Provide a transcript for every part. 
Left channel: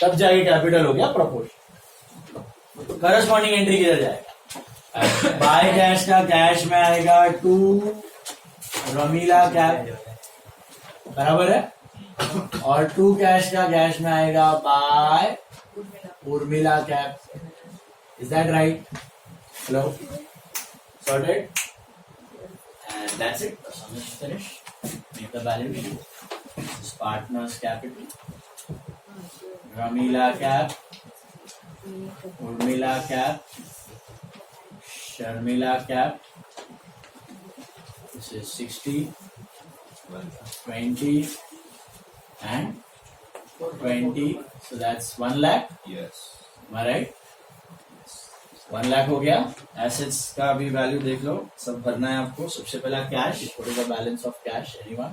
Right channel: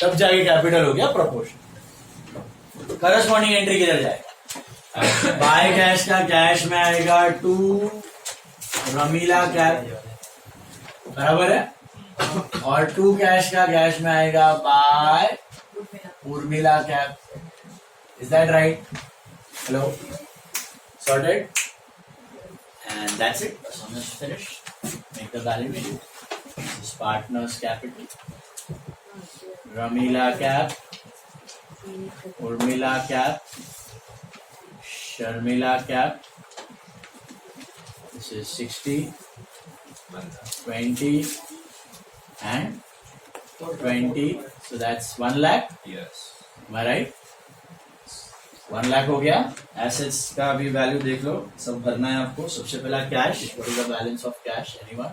तब जाके कैपिटल हो गया प्रोपोर्शन। करस्पॉन्डिंग एंट्री किधर जाएगा? बाय कैश का कैश में आएगा टू रमीला कैप, बराबर है, और टू कैश का कैश में आएगा by Urmila cap. Is that right? Hello, sorted? And that's it. The sum is finished. Make the balance sheet. This is partners capital. Ramila cap, Urmila cap, Sharmila cap. This is 60, 20, and 20. So that's 1 lakh. Yes. Am I right? 1 lakh हो गया। Assets का भी value देख लो, सब भरना है आपको। सबसे पहला cash, what is the balance of cash? Anyone?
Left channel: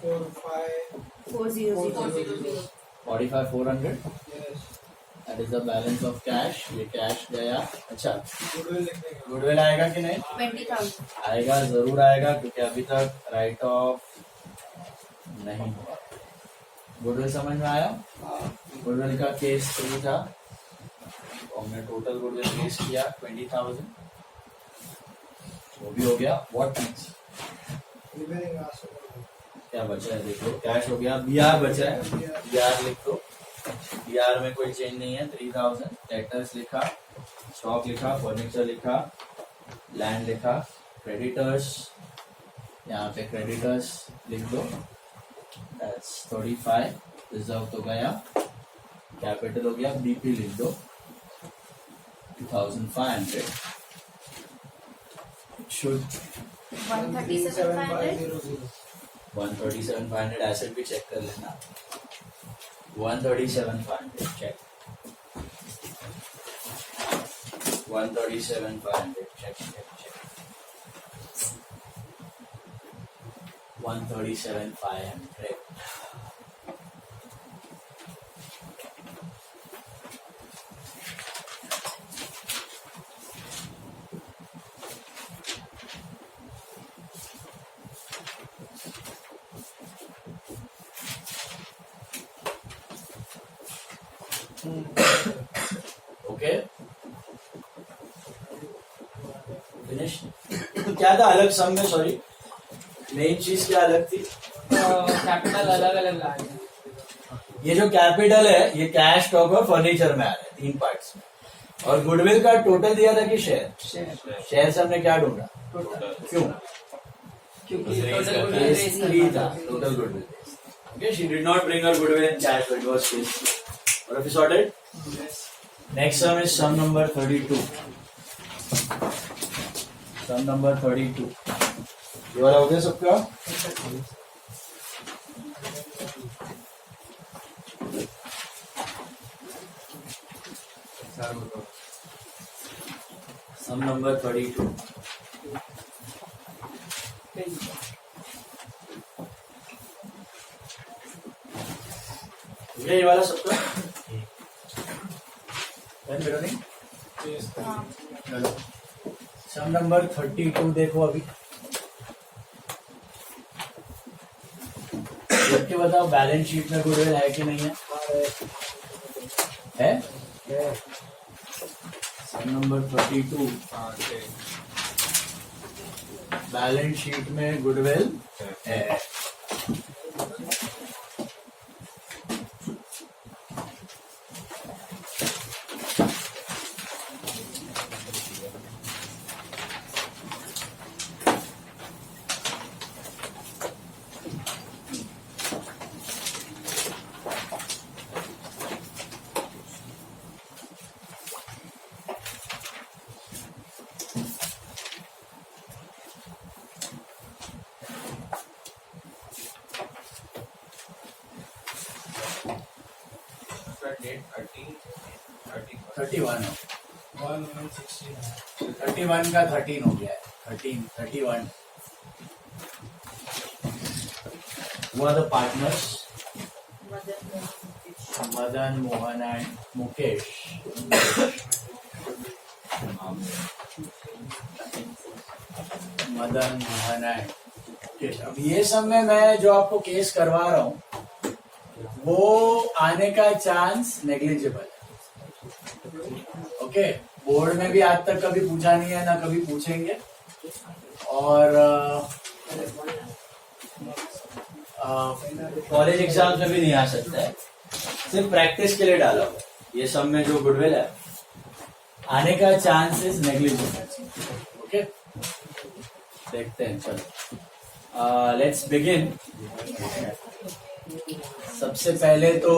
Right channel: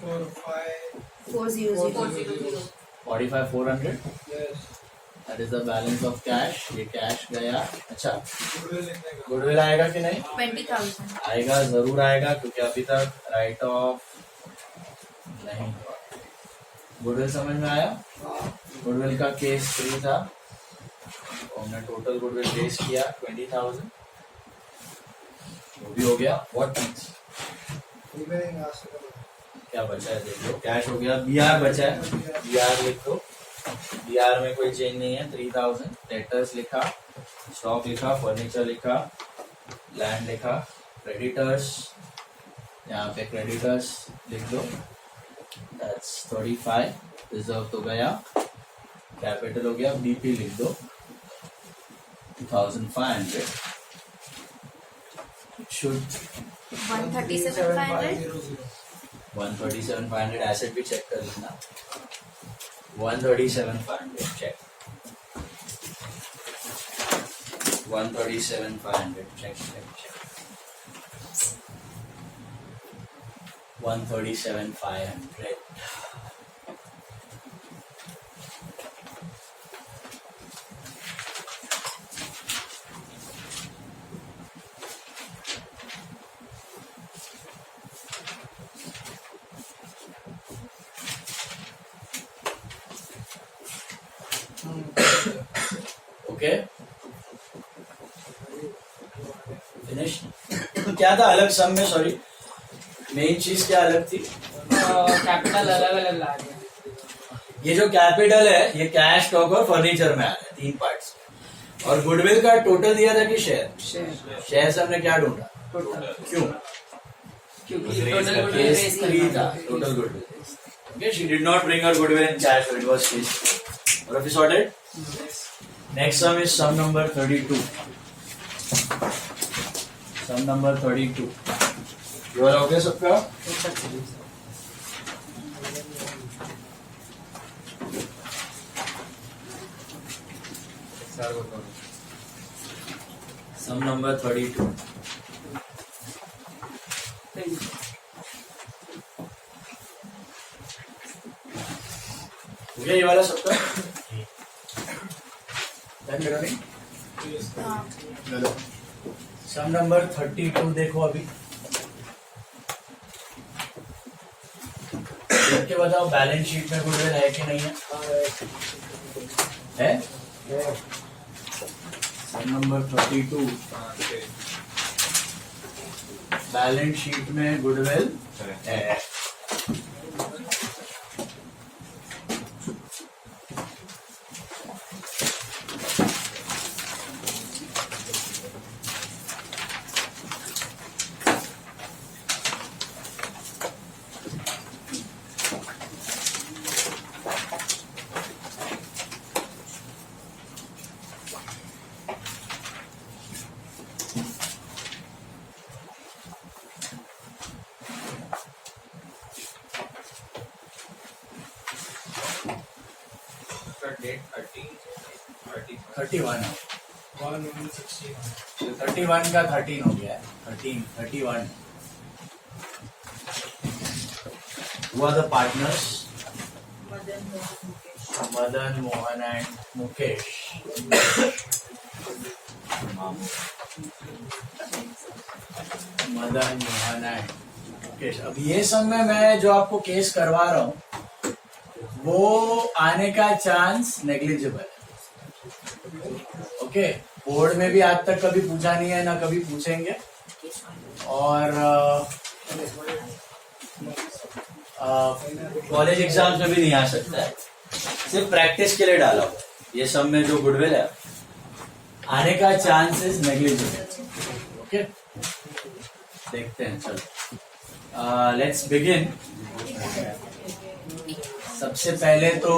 4,5,4,0,0. 45,400, that is the balance of cash. ये कैश गया। अच्छा, गुडविल आएगा कि नहीं? 20,000. आएगा, जरूर आएगा, क्योंकि अभी तक राइट ऑफ नहीं हुआ। गुडविल समझ में आया? गुडविल का केस 3 था, हमने टोटल गुडविल रेस किया 20,000, वो भी हो गया। What next? क्या बचा है देख लो। कैश हो गया, बीआर बचा है, बीआर लिख दो। बीआर में कोई चेंज नहीं है। 3,000 डेटर्स लिखा, स्टॉक लिखा, फर्नीचर लिखा, लैंड लिखा, क्रेडिटर्स, यहाँ पे क्रेडिटर्स लिख दो, दैट्स 35। रिजर्व तो गया, कैपिटल हो गया, बीपी लिख दो 2,500। It should 137,500. 137,500 एसेट भी चेक कर लेना। 137,500 check, 137,500 check check check, 137,500। Okay, finish. क्या था अलग सम में? सॉरी, मेन चीज क्या अलग थी? कैपिटल अलग अलग ला दिया। ये जो कैपिटल है ये कैश, स्टॉक और फर्नीचर में आ रहा है, 3 पार्ट्स में। और गुडविल का टोटल दिया था कि शेयर? शेयर से हमने क्या ढूंढा? क्यों? क्योंकि टोटल गुडविल केस रेस 3 था, total goodwill. Okay, she did not bring her goodwill in cash, it was case. और अभी sorted. Next sum is sum number 32। Sum number 32 ये वाला हो गया सबका? सम नंबर 32 ये वाला सबका? सम नंबर 32 देखो अभी। देख के बताओ बैलेंस शीट में गुडविल है कि नहीं है? है? सम नंबर 32 बैलेंस शीट में गुडविल है। डेट 31 है। 31 का 13 हो गया है। 31 हुआ the partners Madan, Mohan and Mukesh. Madan, Mohan and Mukesh. अब ये सब में मैं जो आपको केस करवा रहा हूँ वो आने का चांस नेग्लिजिबल है. ओके, बोर्ड में भी आज तक कभी पूछा नहीं है, ना कभी पूछेंगे. और कॉलेज एग्जाम्स में भी नहीं आ सकता है, सिर्फ प्रैक्टिस के लिए डाला हुआ. ये सब में जो गुडविल है आने का चांसेस नेग्लिजिबल. ओके, देखते हैं. चलो लेट्स बिगिन. सबसे पहले तो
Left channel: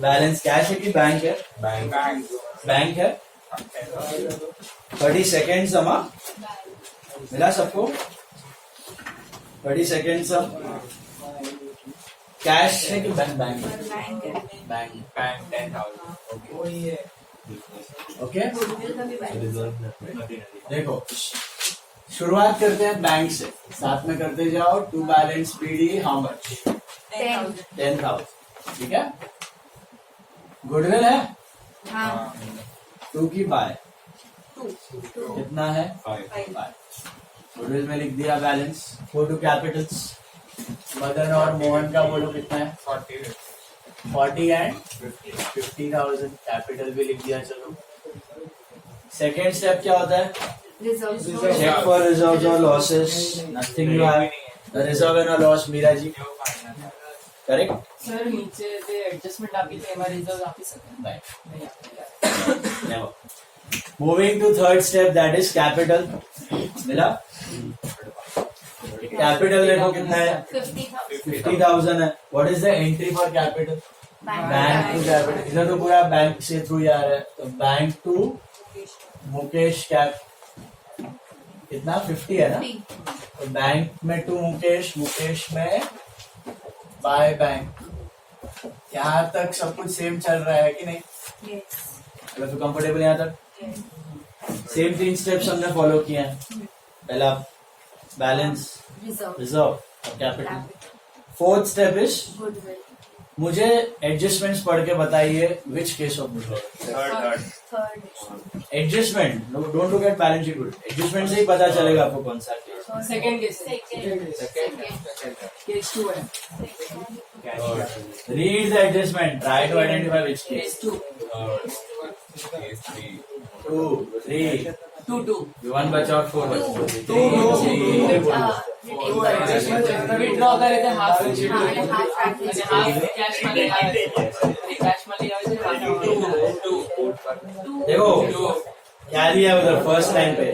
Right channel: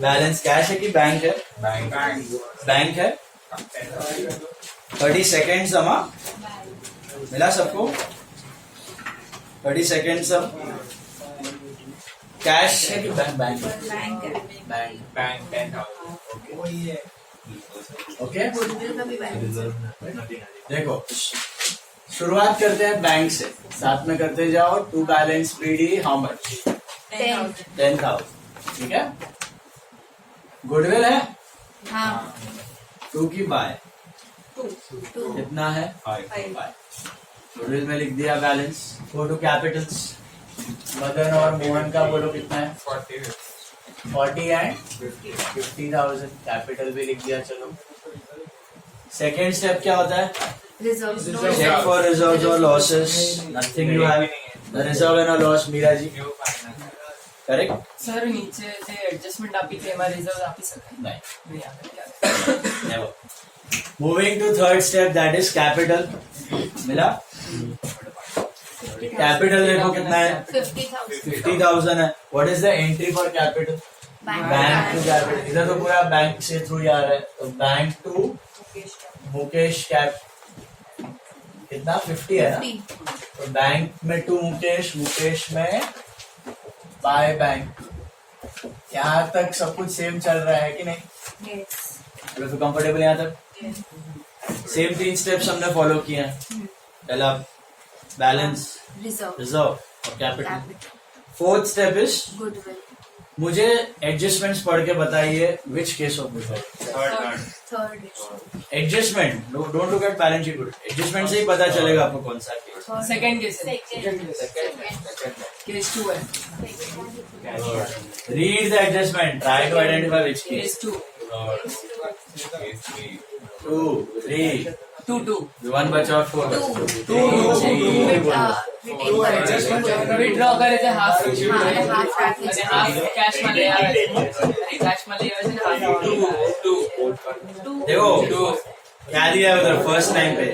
बैलेंस कैश है कि बैंक है? बैंक है. 30 सेकेंड समा मिला सबको? 30 सेकेंड सम. कैश है कि बैंक? बैंक 10,000. ओके, देखो शुरुआत करते हैं बैंक से, साथ में करते जाओ. To balance BD how much? 10,000. ठीक है. गुडविल है? हाँ. 2 की बाय कितना है? 5. गुडविल में लिख दिया balance. Go to capitals. Madan और मोहन का बोलो कितना है? 40 एंड 50,000. कैपिटल भी लिख दिया. चलो सेकेंड स्टेप क्या होता है? चेक फॉर रिजर्व और losses. Nothing you have. The reserve and loss. Meera ji correct. Sir नीचे जे एडजस्टमेंट आपकी थी हमारे रिजर्व आप ही सकते नहीं. Never. Moving to third step, that is capital. मिला? कैपिटल देखो कितना है? 50,000 है. What is the entry for capital? Bank to capital. इधर तो पूरा बैंक से थ्रू जा रहा है, तो बैंक टू मुकेश कैप कितना? 50 है ना? तो बैंक में टू मुकेश, मुकेश में बाय बैंक. यहाँ तक सब कुछ सेम चल रहा है कि नहीं? चलो फिर कंफर्टेबल यहाँ तक. सेम 3 स्टेप्स हमने फॉलो किए हैं. पहला बैलेंस, रिजर्व और capital. Fourth step is goodwill. मुझे एडजस्टमेंट्स पढ़ के बताइए which case of reserve. Third. Adjustment, don't look at balance sheet. Good, adjustment से ही पता चलेगा आपको कौन सा केस. सेकंड केस केस 2 है. Read the adjustment, try to identify which case. Case 2 2 3 2 1 बचा 4. विड्रॉ करे थे हाफ कैश में ले आए देखो क्या दिया है उधर. फर्स्ट लाइन पे,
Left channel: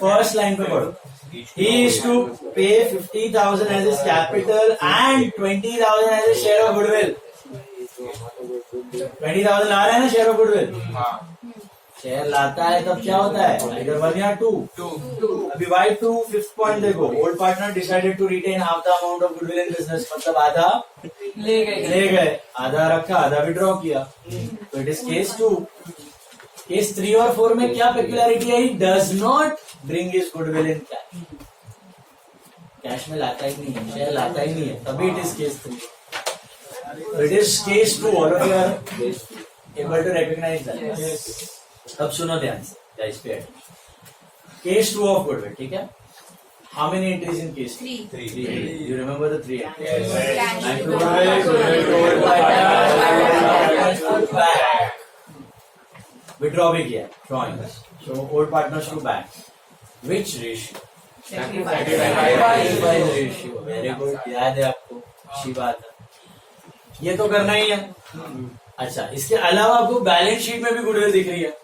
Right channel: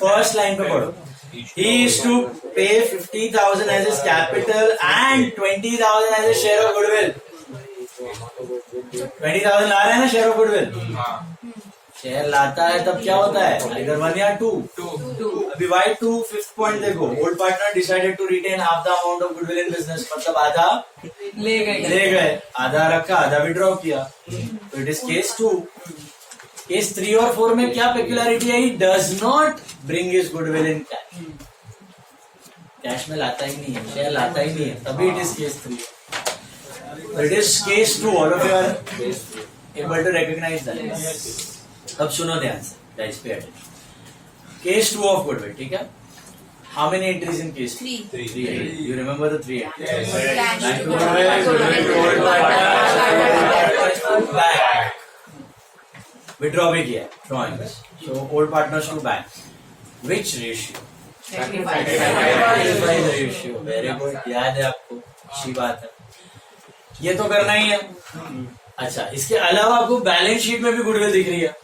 फर्स्ट लाइन पे पढ़ो. He is to pay 50,000 as his capital and 20,000 as his share of goodwill. 20,000 ला रहे हैं ना शेयर ऑफ गुडविल. शेयर लाता है तब क्या होता है? इधर 1 या 2. अभी वाई 2. फिफ्थ पॉइंट देखो. Old partner decided to retain half the amount of goodwill in business. मतलब आधा ले गए, आधा रखा, आधा विड्रॉ किया. तो इट इज केस 2. केस 3 और 4 में क्या पेक्युलरिटी है? Does not bring his goodwill in cash. Cash में लाता ही नहीं है, शेयर लाता ही नहीं है, तभी it is case 3. It is case 2. All of you are able to recognise that. अब सुनो ध्यान से, guys pay attention. Case 2 of goodwill. ठीक है. How many entries in case 3? You remember the 3 withdraw भी किया. Drawing. So old partners to bank. Which ratio? Ratio. Very good, याद है आपको, अच्छी बात है. ये तो करना ही है. अच्छा, इसके अलावा आपको बैलेंस शीट में भी गुडविल दिख रही है.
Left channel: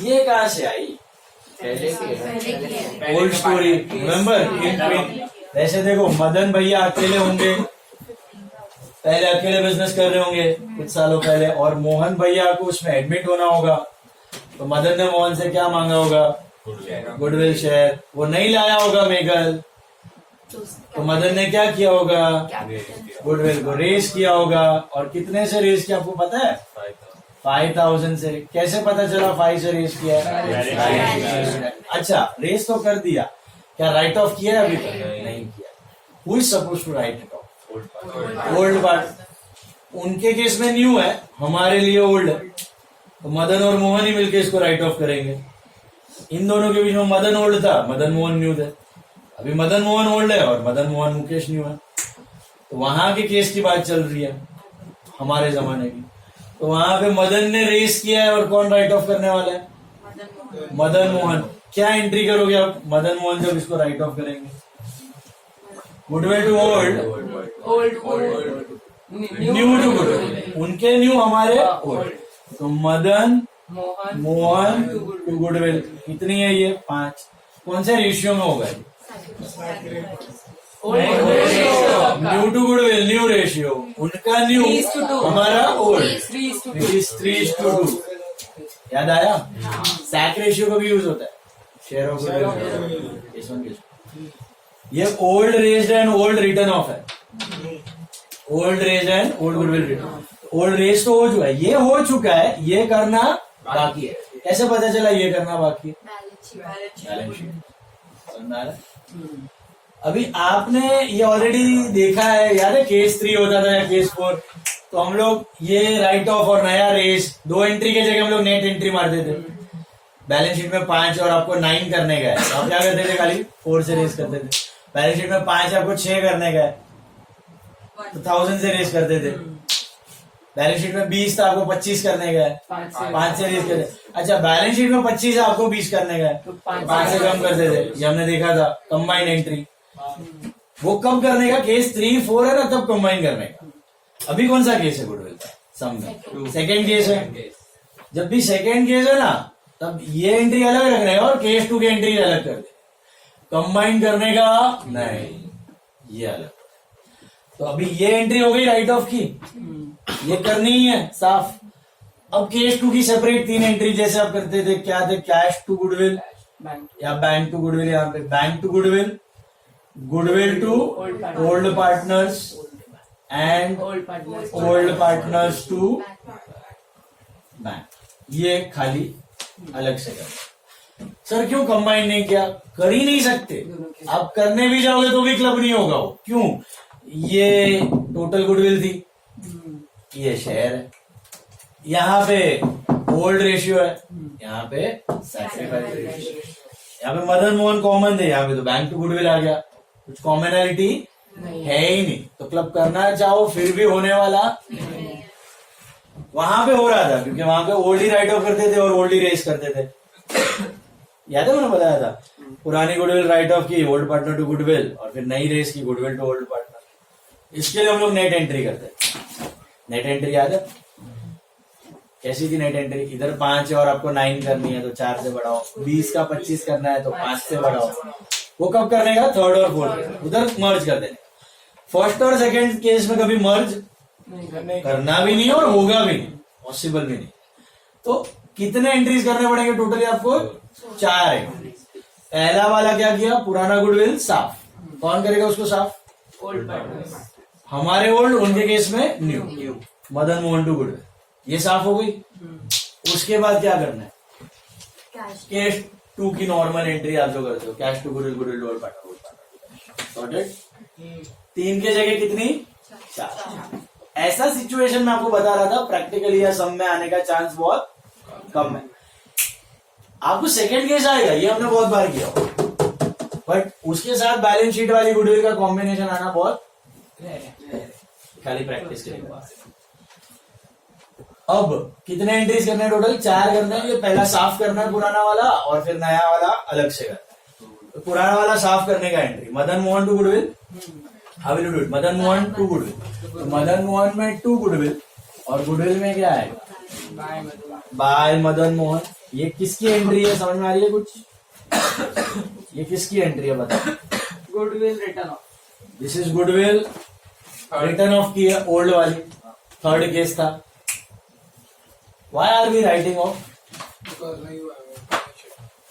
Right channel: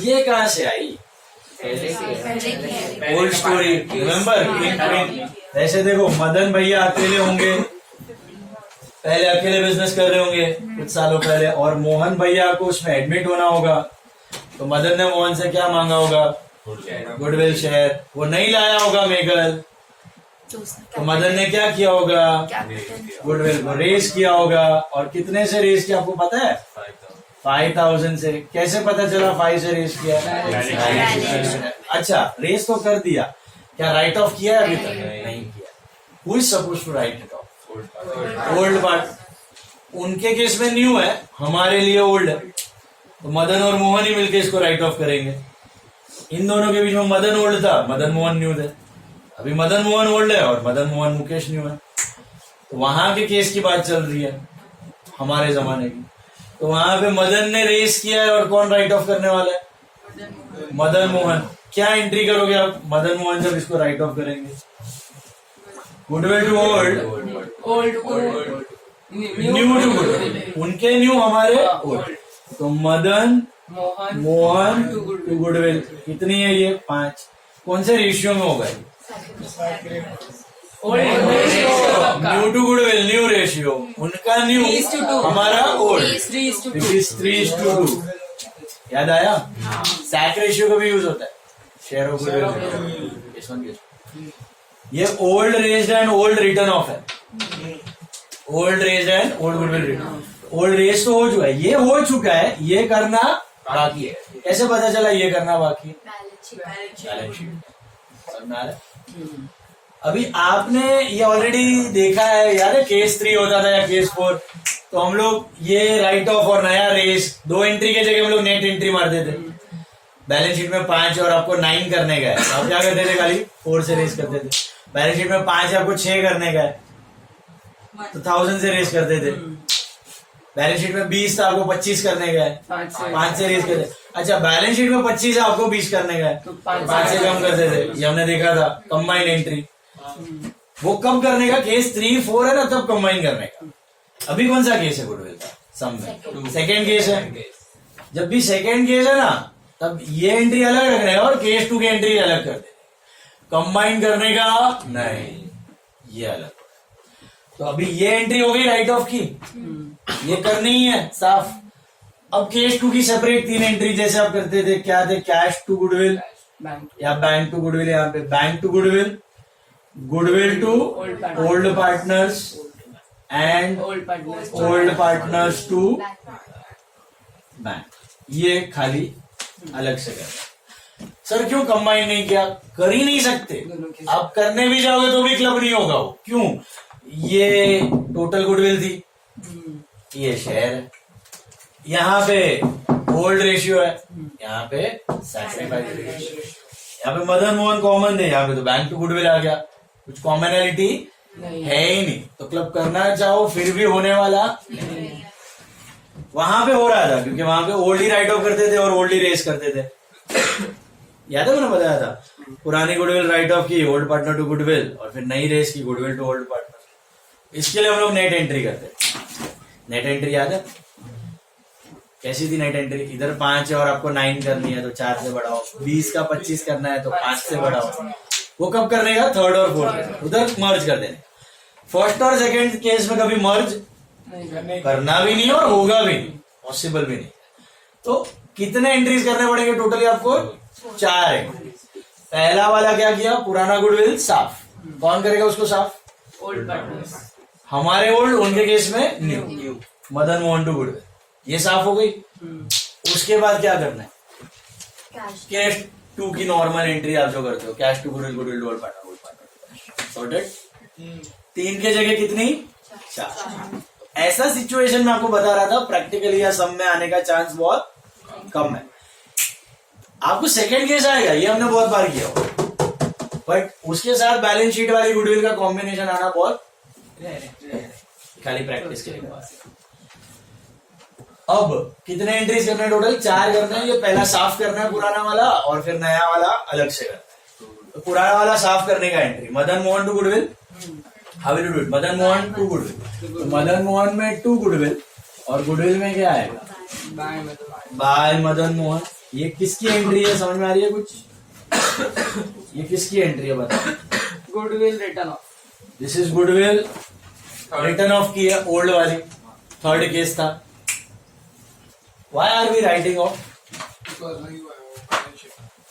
ये कहाँ से आई? Old story. रिमेम्बर? वैसे देखो, मदन भैया अकेले होंगे, पहले अकेले बिजनेस कर रहे होंगे कुछ सालों पहले, और मोहन भैया को उसमें एडमिट होना होगा. तो मदन ने मोहन से क्या मांगा होगा? Goodwill share. वो नहीं लाया होगा मेगल, तो मदन ने क्या किया होगा? गुडविल को रेज किया होगा. और कितने से रेज किया आपको पता है? 5,000 से. कैसे पता चला 5 से रेज किया? अच्छा, रेज तो कर दिया, क्या राइट ऑफ किया है? अभी तक नहीं किया. Who is suppose to write it off? Old part. उनके केस में न्यू है, हमारे लिए ओल्ड है, तो मदन और मोहन ही मिलकर इसको राइट ऑफ करेंगे. इन दोनों के बीच में मदन ओल्ड था, मदन मोहन न्यू थे. अभी मदन मोहन ओल्ड है और मदन मोहन मुकेश न्यू है. तो वहां के केस की बात चल रही है हमारे जमाने की। तो वहां पे मदन ने रेस किया है और कौन राइट ऑफ करने वाला है? मदन मोहन। क्या एंट्री करोगे आप मदन मोहन जब इसको राइट ऑफ करेंगे? Goodwill to old, old new to goodwill. उनके न्यू, हमारे ओल्ड। तो मदन मोहन टू गुडविल कितनी है ये? 5। कौन से रेशियो में होगा ये? New to goodwill, new ratio. उनका न्यू, 3:2, हमारा ओल्ड 3:2। 3:2। याद आया? सैक रेशियो का भी यूज होता है, शेयर ऑफ गुडविल। ये old raised and old return of है। Old raised and old goodwill return. Old raise तो हो चुका है, ये हो चुका है, ये करना बाकी है। कैसे पता चला ये करना बाकी है? Balance sheet. समझ में आ रहा है? अभी आपने ये ऑलरेडी देखा है, याद है केस 3 होता था या केस 4, तो हम लोग ये राइट ऑफ और नया रेस 2 एंट्री के जगह हम लोग नेट एंट्री मारते थे। बैलेंस शीट में 5 और आपको 9 करने का है, आप क्या करते थे? खाली 4 से रेस करते थे। बैलेंस शीट में 5 आपको 6 करने का है, तो 1000 से रेस करते थे। बैलेंस शीट में 20 था, आपको 25 करने का है, 5 से रेस करते। अच्छा, बैलेंस शीट में 25 है, आपको 20 करने का है, तो 5 से कम करते थे। ये हमने देखा था कंबाइन एंट्री। वो कब करने का? केस 3, 4 है ना, तब कंबाइन करने का। अभी कौन सा केस है गुडविल का? सम में सेकेंड केस है। जब भी सेकेंड केस है ना, तब ये एंट्री अलग रखने का और केस 2 की एंट्री अलग कर दे। कंबाइन करने का नहीं, ये अलग। तो अभी ये एंट्री हो गई राइट ऑफ की, ये करनी ही है साफ। अब केस 2 की सेपरेट 3 एंट्री जैसे आप करते थे, क्या थे? कैश टू गुडविल या बैंक टू गुडविल। यहाँ पे bank to goodwill, goodwill to old partners and old partners to bank. ये खाली अलग से करना। सर क्यों कंबाइन नहीं किया? कर ही नहीं सकते। आप करने भी जाओगे तो भी क्लब नहीं होगा वो। क्यों? ये टोटल गुडविल थी, ये शेयर है, यहाँ पे ओल्ड रेशियो है, यहाँ पे सैक्रिफाइस रेशियो। यहाँ पे मदन मोहन कॉमन थे, यहाँ पे तो बैंक टू गुडविल आ गया। कुछ कॉमनैलिटी है ही नहीं, तो क्लब करना चाहो फिर भी होने वाला नहीं। वहां पे हो रहा था क्योंकि वहां पे ओल्ड ही राइट ऑफ करते थे और ओल्ड ही रेस करते थे। याद है मैंने बताया था, पुरानी गुडविल राइट ऑफ की ओल्ड पार्टनर टू गुडविल, और फिर नई रेस की गुडविल टू ओल्ड पार्टनर। इसके लिए हम लोग नेट एंट्री करते। नेट एंट्री याद है कैसी थी? नेट एंट्री इधर 5 है और आपको 9 करनी है तो 4 से बढ़ाओ, 20 का 25 करना है तो 5 से बढ़ाओ। वो कब करने का? थर्ड और फोर्थ, उधर मर्ज कर देने। फर्स्ट और सेकंड केस में कभी मर्ज करना भी नहीं और होगा भी नहीं, पॉसिबल भी नहीं। तो कितने एंट्रीज करने पड़ेंगे टोटली आपको? 4 एंट्रीज। पहला वाला क्या किया? पुराना गुडविल साफ। कौन करेगा उसको साफ? Old partners. हमारे ओल्ड, उनके केस में new. Madan Mohan to goodwill, ये साफ हो गई। उसके बाद क्या करना है? कैश 2 की नॉर्मल एंट्री आप जो करते हो, cash to goodwill, goodwill to old partner, sorted. 3 के जगह कितनी? 4। ऐसा सिचुएशन में आपको बता रहा था, प्रैक्टिकली या सम में आने का चांस बहुत कम है। आपको सेकेंड केस आएगा, ये हमने बहुत बार किया, बट उसके साथ बैलेंस शीट वाली गुडविल का कॉम्बिनेशन आना बहुत खाली प्रैक्टिस के लिए बात है। अब कितने एंट्रीज करना है टोटल? 4 करना है। ये पहला साफ करना है पुराना वाला, और फिर नया वाला अलग से करना है। तो पुराना वाला साफ करने का entry Madan Mohan to goodwill. How will you do it? Madan Mohan to goodwill, तो मदन मोहन में टू गुडविल, और गुडविल में क्या आएगा? बाय मदन मोहन। ये किसकी एंट्री है? समझ में आ रही है कुछ? ये किसकी एंट्री है बताओ? Goodwill return of. This is goodwill return of की है, ओल्ड वाली। थर्ड केस था। Why are we writing off?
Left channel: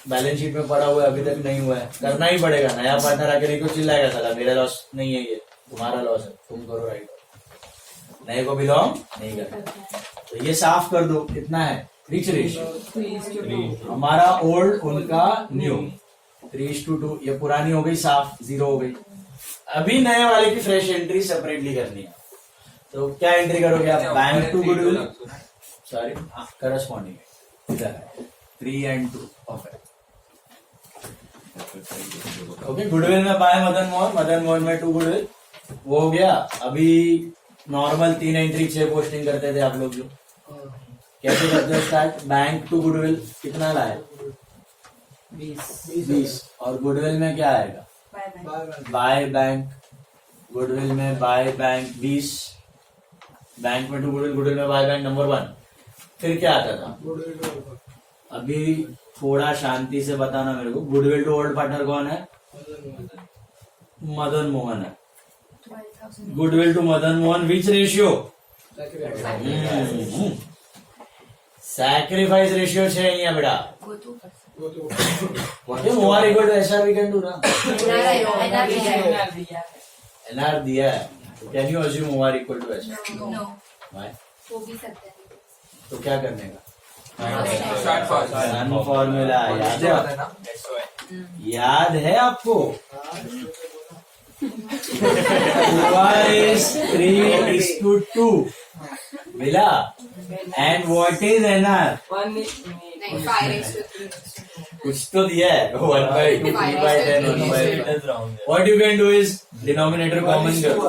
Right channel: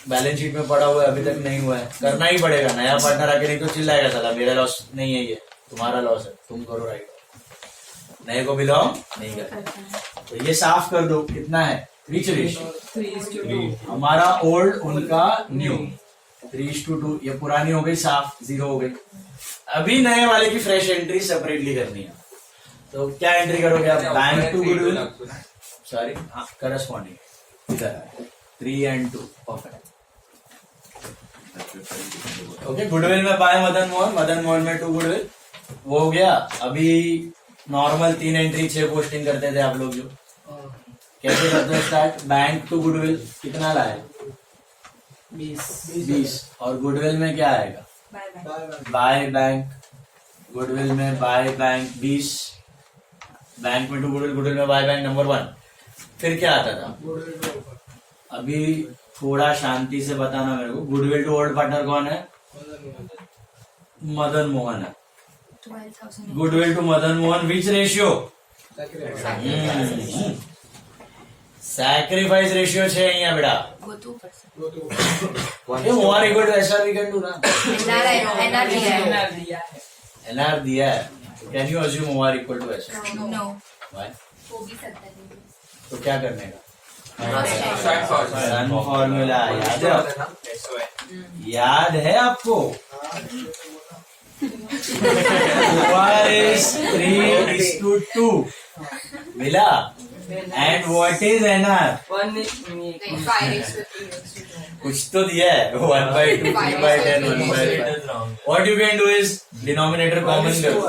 Balance sheet में पड़ा हुआ है, अभी तक नहीं हुआ है, करना ही पड़ेगा। नया पार्टनर आके नहीं तो चिल्लाएगा, साला मेरा लॉस नहीं है, ये तुम्हारा लॉस है, तुम करो राइट ऑफ। नए को बिलोंग नहीं करना। तो ये साफ कर दो। कितना है? 3:2। हमारा ओल्ड, उनका न्यू, 3:2। ये पुरानी हो गई साफ, 0 हो गई। अभी नए वाले की फ्रेश एंट्री सेपरेटली करनी है। तो क्या एंट्री करोगे आप? Bank to goodwill, sorry corresponding इधर है 3 and 2, परफेक्ट। ओके, गुडविल में बाय मदन मोहन, मदन मोहन में टू गुडविल, वो हो गया। अभी नॉर्मल 3 एंट्री 6 पोस्टिंग करते थे आप लोग जो, कैसे करते हैं स्टार्ट? बैंक टू गुडविल कितना लाए? 20। और गुडविल में क्या आएगा? Bye bank. गुडविल में बाय बैंक 20, बैंक में टू गुडविल, गुडविल में बाय बैंक नंबर 1। फिर क्या आता था? अभी थोड़ा शांति से बताना मेरे को, गुडविल टू ओल्ड पार्टनर कौन है? मदन मोहन है। 12,000 goodwill to Madan Mohan which ratio? Sacrifice ratio છે અહીંયા બેટા। वो 2%. ये मोहर equal to SR we can do ना। एनआर दिया है, कैन यू अज्यूम मोहर equal to SR? No. Why? वो भी सकता है। तो क्या करने का? Cross-check. सन फॉर्मूला याद है? याद है आपको? OR is 3:2 मिला। And what is NR? नहीं, 5x. कुछ तो दिया है, 1/2, 3/10, 1/10। What you can do is denominator common करो,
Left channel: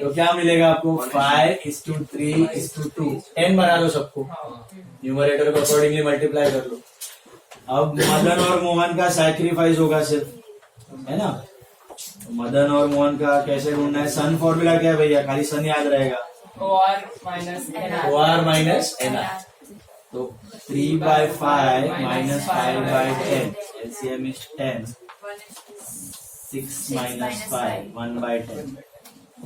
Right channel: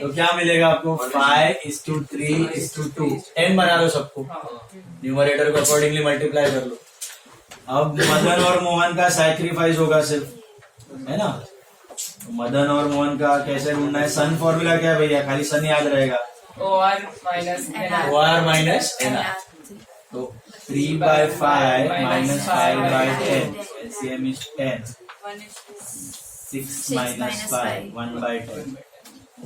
तो क्या मिलेगा आपको? 5:3:2। 10 बना दो सबको, न्यूमरेटर को अकॉर्डिंगली मल्टीप्लाई कर लो। अब मदन और मोहन का सैक्रिफाइस होगा सिर्फ, है ना? मदन और मोहन का कैसे ढूंढना है? सन फॉर्मूला क्या है भैया? खाली सन याद रहेगा, OR minus NR. OR minus NR। तो 3/5 minus 5/10, LCM is 10, 6 minus 5, 1/10,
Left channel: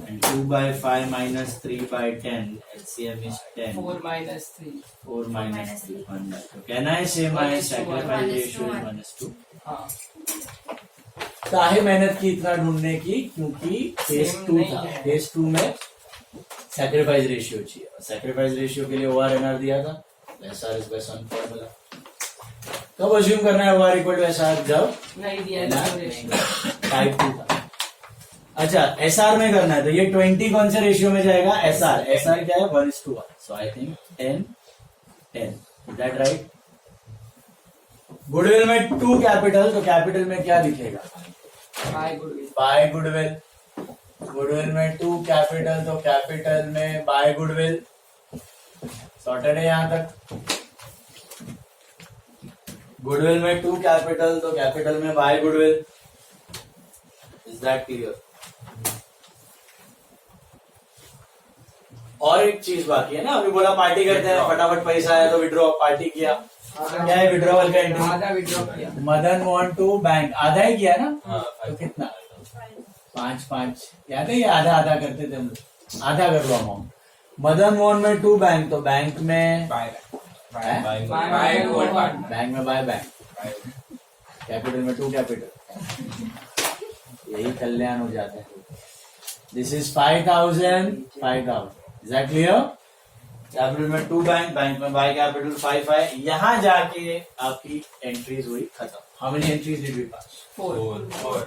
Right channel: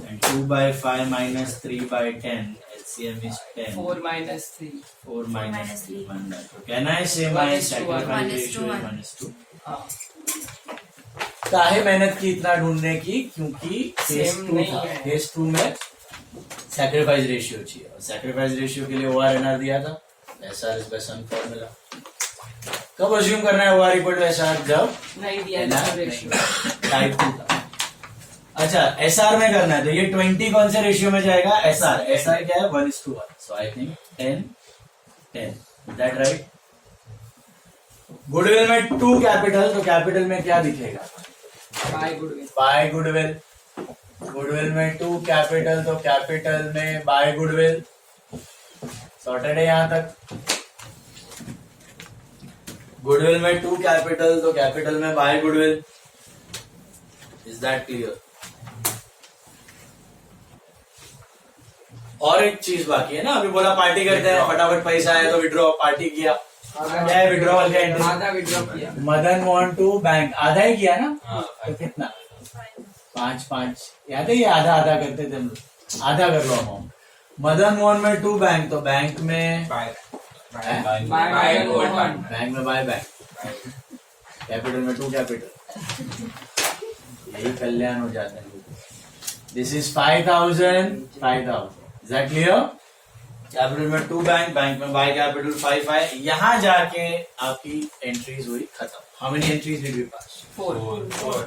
and 2/5 minus 3/10, LCM is 10, 4 minus 3. 4 minus 3, 1/2. Can I say my sacrifice ratio is -2? हाँ. काहे मेहनत की इतना ढूंढने की? क्योंकि फेज Same 2 नहीं था, है। फेज 2 में सैक्रिफाइस रेशियो चाहिए, और सैक्रिफाइस रेशियो के लिए OR NR दिया था, SR इज बाय सन फॉर्मूला। कब अज्यूम करना है OR इक्वल टू SR? जब नहीं दिया NR इसका रेशियो। टाइप 2 था। अच्छा, SR में करना है तो ये 20 कौन से रेशियो में जाएगा? SR क्या है? 1:1। So I think 10, is that right? Goodwill में 2 कैपिटल, तो कैपिटल में क्या दिखेगा? By goodwill. By goodwill. Goodwill में 2 कैपिटल, तो कैपिटल में बाय गुडविल। सॉर्टेड है यहां तक? गुडविल में 2 कैपिटल, तो कैपिटल में by goodwill. Is that clear? और एक चीज बाकी है ना, अभी बोला पार्टी करते हैं, फटाफट पैसा आया तो विड्रॉ, पार्टी किया, क्या है विड्रॉवल का एंट्री? आधा विड्रॉ किया। मदन मोहन टू बैंक, आधा ही किया ना? तो कितना? 5 याद है? ये आधा आधा करते थे हम लोग, आधा कर लो अमाउंट। मदन मोहन में 2 बैंक, तो बैंक में हैं? बैंक में बाय बैंक, कैपिटल में 2 कैपिटल, यही कल्याण हो जाता है। This is 5,000। Is that clear? Capital में 2 बैंक, बैंक में बाय कैपिटल 5 है। यहां जाके आपकी एंट्रीज हुई खत्म। How many entries did we pass? 4।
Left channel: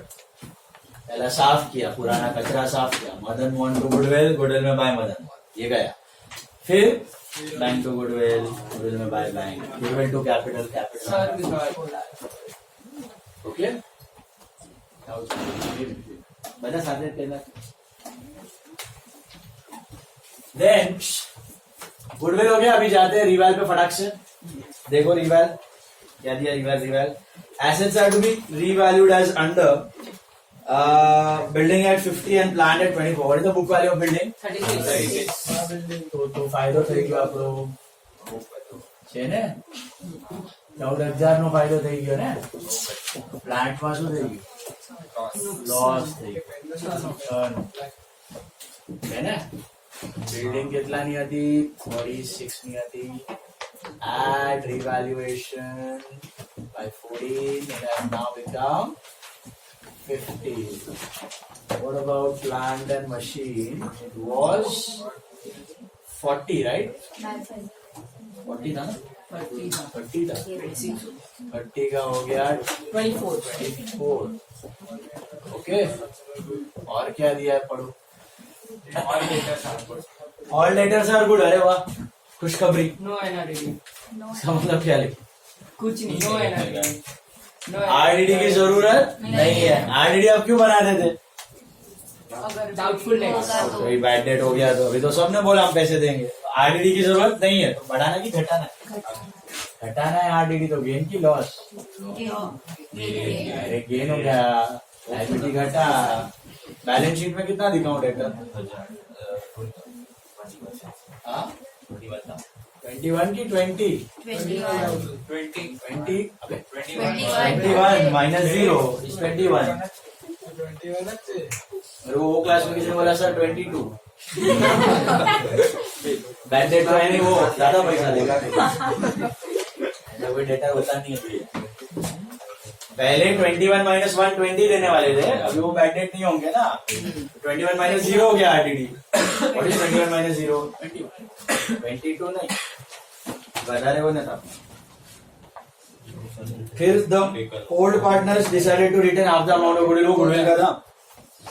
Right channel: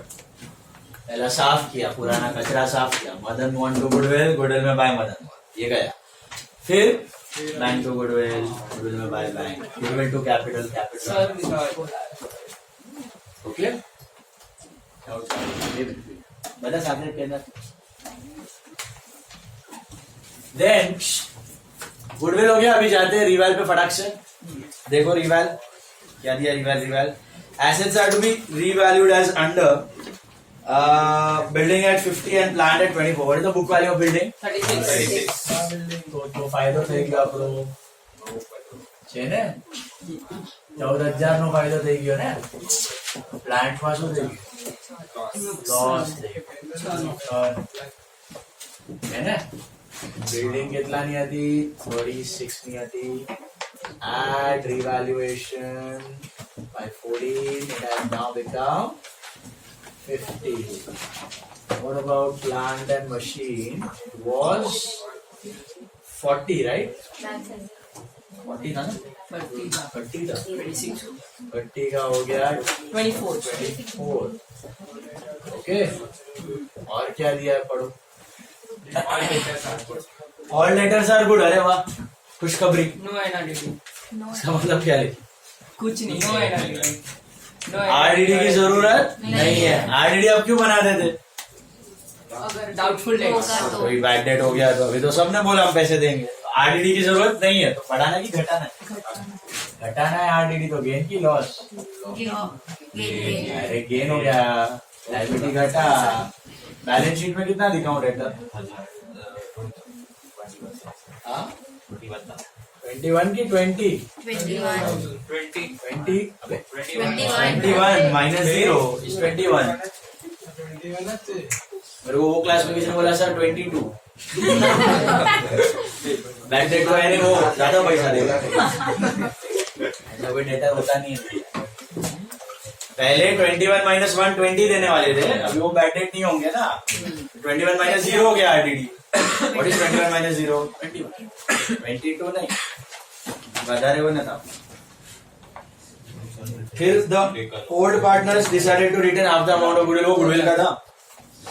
पहला साफ किया, पुराना कचरा साफ किया। Madan Mohan to goodwill, goodwill में बाय मदन मोहन, ये गया। फिर बैंक टू गुडविल, गुडविल में by bank, goodwill to capital, sir capital. Okay, बता साथ के अंदर। देन गुडविल हो गया। अभी जाते हैं रिवैल पे फटाक से। देखो रिवैल क्या दिया? रिवैल assets are to be revalued as under building at 50 and plant at 24. What is the book value of building? 36. તો ફાયદો થઈ ગયો આપણો છે ને, 14,000 નો ફાયદો થઈ ગયો ને। પ્લાન્ટ માં શું થઈ ગયું? લોસ થઈ ગયો છે ને। બિલ્ડિંગ કેટલાની હતી? 36 ની હતી। Add revaluation by 14, it has now become 50. What about plant and machine? It was 40, right? 40 था ना? 30 था। 30 का हो गया 24। ओके, और क्या दिया है पढ़ो? All letters are good. अरे वाह, खुशखबरी। No NRDD. इसका मतलब क्या है? कुछ नहीं। नो एनआरडीडी। आरडीडी की जरूरत नहीं है। आरडीडी आप क्यों बनाते थे? अगर Doubtful dates. होगा तो कोई बैड डेट हो गया तो अभी तो सबने बोला हम पैसे देंगे, आरडीडी की जरूरत नहीं है, तो बढ़ाना की घटाना है? घटाना है आरडीडी, तो गेन की लॉस? अरे गेन हो गया, लायबिलिटी घटा, बैलेंस शीट में कितना दिखाऊं डेटर? 21 की 20? 20 अबे 21 माइनस 0 इज 21। मेरे को वो क्लास में किसी ने बोला सर 22 बैड डेट तो है नहीं, वो ज्यादा पैसा देगा, कोई डेटा होता नहीं है। पहले 21 माइनस 1 20 देने वाले थे, अभी वो बैड डेट नहीं होंगे ना। 21 माइनस 0 हो गया आरडीडी। What is 21 minus 0? 21। 22 नहीं, गधा रे बना था। फिर the old partners decided to retain half the amount of goodwill. वो गुडविल का था।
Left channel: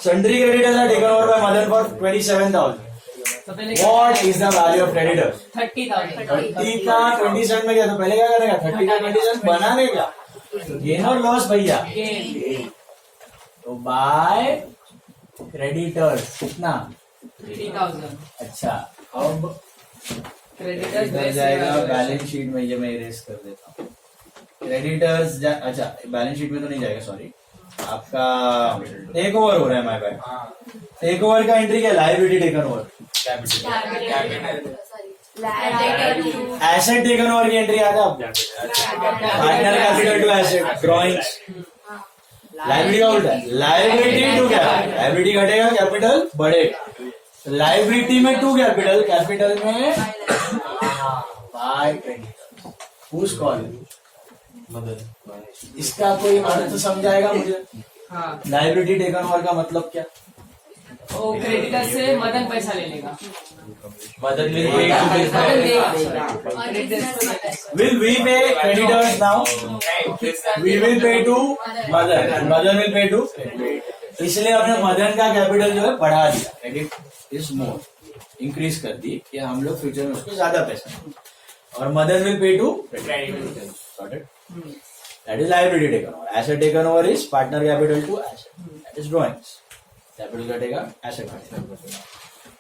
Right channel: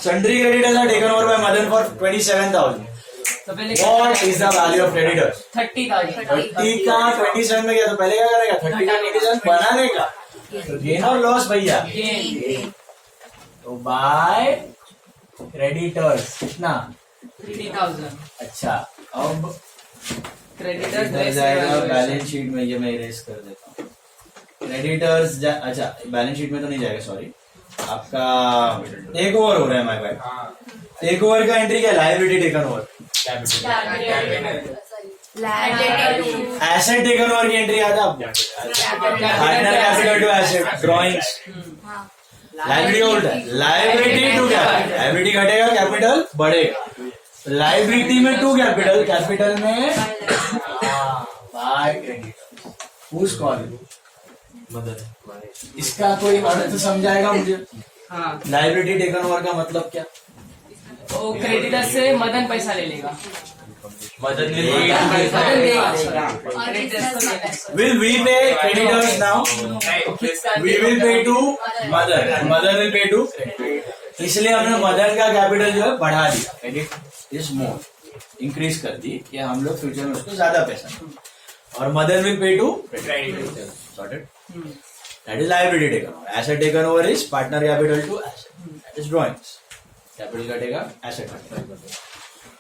Sundry creditors are taken over by mother for 27,000। तो पहले what is the value of creditors? 30,000। 30 का 27 में गया, तो पहले क्या करेगा? 30 का 27 बनाने का, तो गेन और लॉस भैया। तो बाय क्रेडिटर्स कितना? 30,000। अच्छा, अब क्रेडिटर्स इधर जाएगा बैलेंस शीट में, ये मैं इरेज कर देता हूँ। क्रेडिटर्स अच्छा बैलेंस शीट में तो नहीं जाएगा, सॉरी, आपका टेक ओवर हो रहा है, माय बैड। टेक ओवर का एंट्री क्या? Liability taken over, asset taken over की एंट्री आता है। Partner capital to asset, drawings, liability hold है, लायबिलिटी टू कैपिटल, लायबिलिटी घटेगा कैपिटल बढ़ेगा, लायबिलिटी में टू कैपिटल, कैपिटल में बाय क्रेडिटर। Whose call? इसका कोई अर्थ समझाएगा मुझे? हाँ, लायबिलिटी टेकन ओवर का मतलब क्या? वो क्रेडिटर से मदन पैसा ले लेगा। Madan Will we pay creditors now? We will pay to mother. Mother will pay to. इसलिए हमने मदन का कैपिटल जो है बढ़ा दिया, क्रेडिट इज मोर, इंक्रीज कर दी कि हम लोग फ्यूचर में उसको ज्यादा पैसा दें। और mother will pay to credit. Sorted? That is liability taken over. Asset taken over is partner capital to asset, that is drawings. Capital घटेगा, एसेट घटेगा।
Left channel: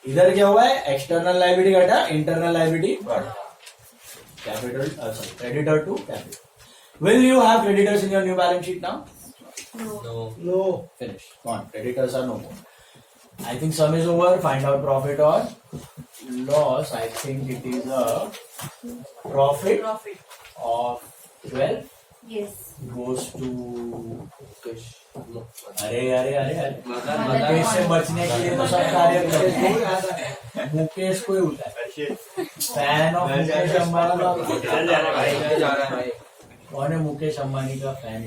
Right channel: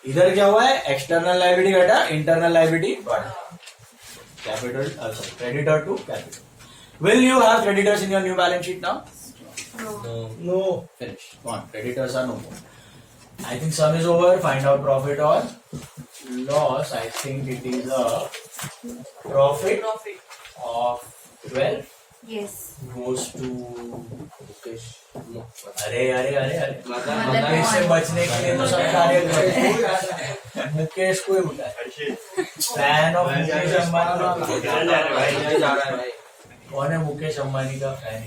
इधर क्या हुआ है? एक्सटर्नल लायबिलिटी घटा, इंटरनल लायबिलिटी बढ़ा। कैपिटल अच्छा creditor to capital. Will you have creditors in your new balance sheet now? No. Finish. Come on. Creditors are no more. I think sum is over. Find out profit or loss. I think it is a profit of 12 Yes. goes to Mukesh. अरे मुकेश से बचने के लिए तो सब कार्य करते। मुकेश को ही उठाए। Fan of Mukesh Ambani. कौन है मुकेश अंबानी का फैन?